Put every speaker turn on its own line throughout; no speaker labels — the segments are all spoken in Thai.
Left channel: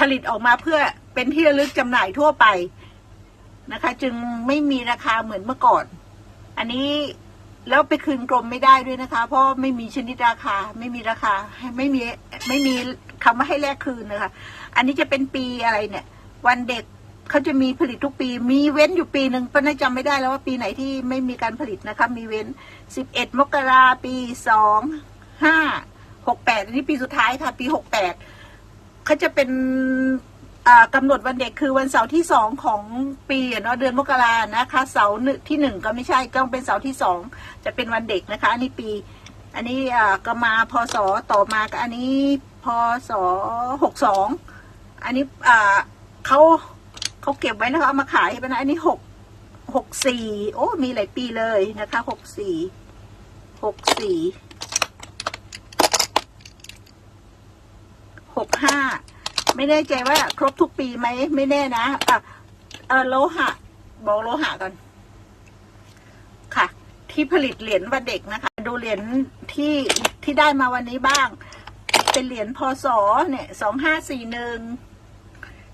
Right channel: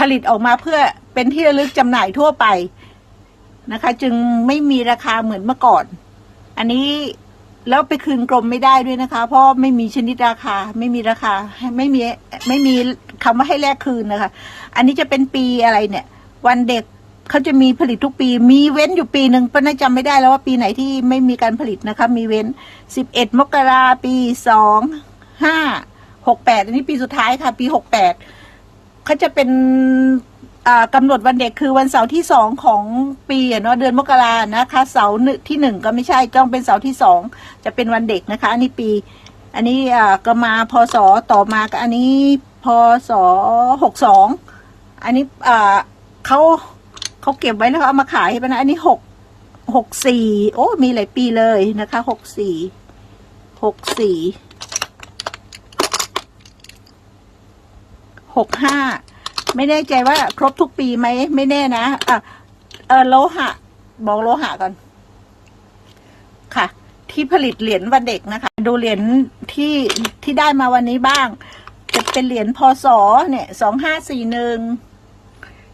ผลิตออกมาเพื่อเป็นที่ระลึกจำหน่ายทั่วไปนะคะ จึงไม่มีราคาเหมือนเมื่อก่อน อันนี้แล้วไปคืนกรมไม่ได้ด้วยนะคะ เพราะไม่มีชนิดราคาไม่มีราคาไม่มีไม่มีคำว่าให้แลกคืนนะคะ อันนี้จะเป็นปีอะไรเนี่ย วันเด็กเขาจะมีผลิตทุกปี มีเว้นอยู่ปีหนึ่งป้าน่าจำไม่ได้แล้วว่าปีไหนที่ไม่มีการผลิตนะคะ มีเว้นสิบเอ็ดมกราปีสองห้าหกแปดอันนี้ปีสุดท้ายค่ะ ปีหกแปด เขาจะเป็นอ่ากำหนดวันเด็กคือวันเสาร์ที่สองของปีอะเนาะเดือนมกรานะคะ เสาร์หนึ่งที่หนึ่งก็ไม่ใช่ต้องเป็นเสาร์ที่สองจะเป็นวันเด็กนะคะ อันนี้ปี อันนี้อ่าก็มาพศต่อมาก็อันนี้พศหกสองอันนี้อ่าเขาเขาเก็บไว้แล้วเขาเอามาขายไปนะอันนี้หกหกสี่โอ้มีหลายปีเลยนะคะหกสี่หกสี่ หกห้าไม่แน่ใจว่าครบทุกปีไหมไม่แน่นะอะเออโลหะบอกโลหะกันค่ะ ที่ผลิตเหรียญวันเด็กนะคะ ดูเหรียญที่ที่ได้มาวันนี้บ้างจะเป็นเหรียญพศเนี่ยสองห้าสี่หนึ่ง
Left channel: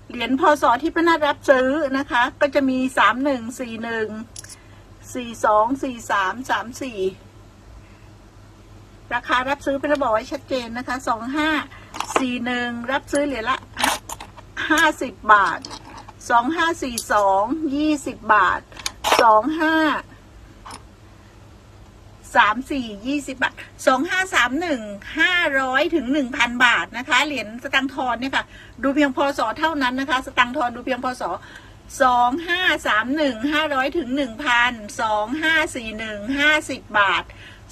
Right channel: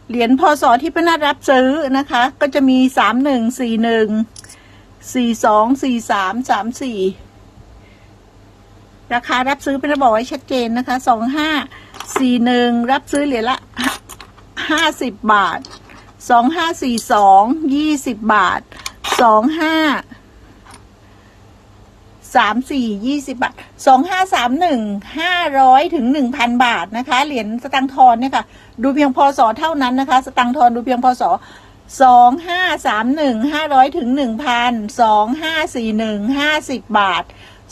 เหรียญพศที่พนักรับซื้อนะคะ ก็จะมีสามหนึ่งสี่หนึ่งสี่สองสี่สามสามสี่ ราคารับซื้อเป็นระบอกไว้ชัดเจนนะคะสองห้าสี่หนึ่งรับซื้อเหรียญละห้าสิบบาทสองห้าสี่สองยี่สิบบาทสองห้าสามสี่ยี่สิบบาทสองห้าสามหนึ่งห้าร้อยถึงหนึ่งพันบาทนะคะ เหรียญสตังทอนเนี่ยค่ะ ดูเพียงพศเท่านั้นนะคะ สตังทอนดูเพียงพศสองห้าสามหนึ่งห้าร้อยถึงหนึ่งพันสองห้าสี่หนึ่งห้าสิบบาท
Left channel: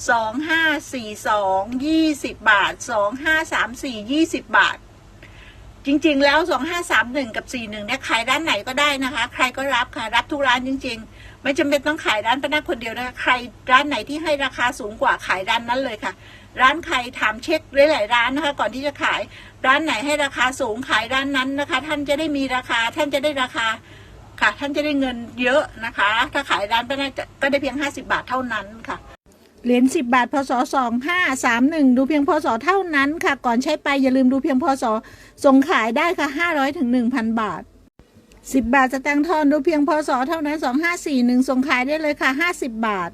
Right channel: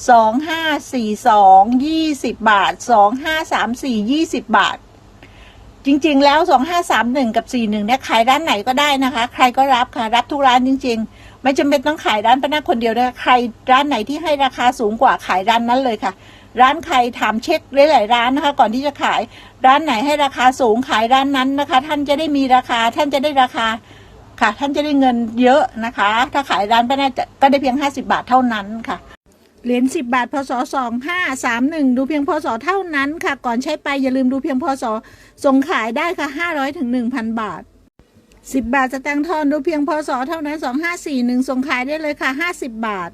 สองห้าสี่สองยี่สิบบาทสองห้าสามสี่ยี่สิบบาท จริง ๆ แล้วสองห้าสามหนึ่งกับสี่หนึ่งเนี่ยขายร้านไหนก็ได้นะคะ ใครก็รับค่ะรับทุกร้านจริง ๆ ไม่จำเป็นต้องขายร้านป้านาคนเดียวด้วยใครร้านไหนที่ให้ราคาสูงกว่าขายร้านนั้นเลยค่ะ ร้านใครถามเช็คหลายๆร้านนะคะ ก่อนที่จะขายร้านไหนให้ราคาสูงขายร้านนั้นนะคะ ท่านจะได้มีราคาท่านจะได้ราคาค่ะท่านจะได้เงินเยอะนะคะ ถ้าขายร้านป้านาจะก็ได้เพียงห้าสิบาทเท่านั้นค่ะ เหรียญสิบบาท พศสองห้าสามหนึ่งดูเพียงพศเท่านั้นค่ะ ก่อนใช้ไปอย่าลืมดูเพียงพศส่งขายได้ค่ะห้าร้อยถึงหนึ่งพันบาทสิบบาทสแตงค์ทอนดูเพียงพศเท่านั้นสองห้าสี่หนึ่งส่งขายได้เลยค่ะห้าสิบบาท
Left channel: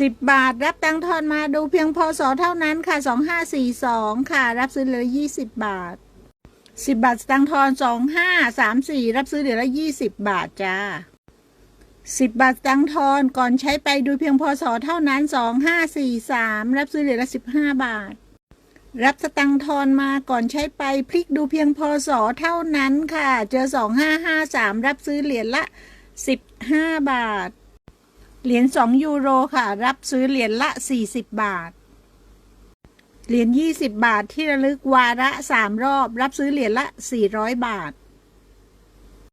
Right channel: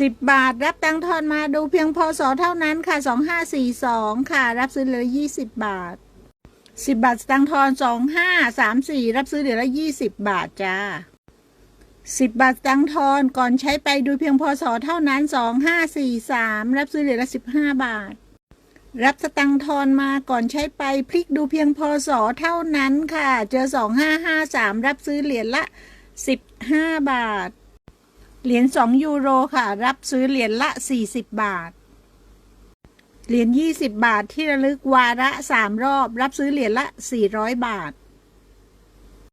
สิบบาทรับตังทอนมาดูเพียงพศเท่านั้นค่ะสองห้าสี่สองค่ะ รับซื้อเหลือยี่สิบบาทสิบบาทสแตงค์ทอนสองห้าสามสี่รับซื้อเหลือละยี่สิบบาทจ้า สิบบาทตังทอนก่อนใช้ไปดูเพียงพศเท่านั้นสองห้าสี่สามรับซื้อเหรียญละสิบห้าบาท รับสตังทอนมาก่อนใช้ไปพลิกดูเพียงพศเท่านั้นค่ะ เจอสองห้าห้าสามรับซื้อเหรียญละสิบห้าบาท เหรียญสองยูโรค่ะ รับซื้อเหรียญละสี่สิบบาท เหรียญยี่สิบบาทที่ระลึกวาระสามรอบ รับซื้อเหรียญละสี่ร้อยบาท